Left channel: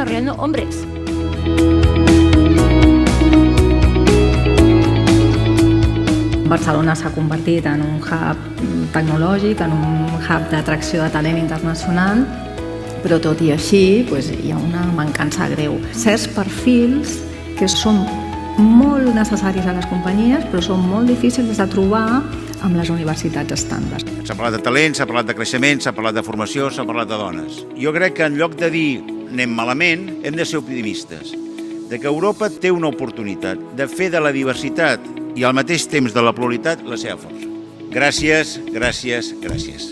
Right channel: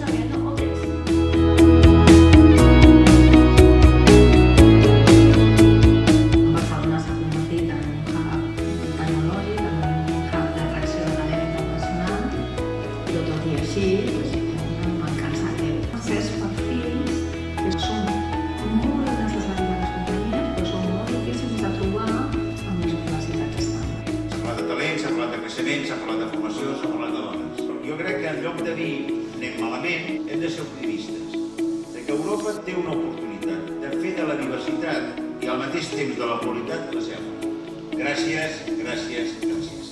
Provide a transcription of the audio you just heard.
desarrollando hombres. Barcelona s'ha convertit en un hub tecnològic, en un hub d'atracció de talent internacional, però tot i així hi ha una mancança greu. Certs perfils que són molt necessaris a les companyies, però són molt difícils de trobar amb les universitats estàndards. S'ha parlat de talent, s'ha parlat de creixement, s'ha parlat de formació, s'ha parlat de dones. Jo crec que en lloc de dir anem malament, hem de ser optimistes, de que Europa té una oportunitat de fer de la diversitat i al mateix temps de la pluralitat la seva força. Gràcies, gràcies, gràcies.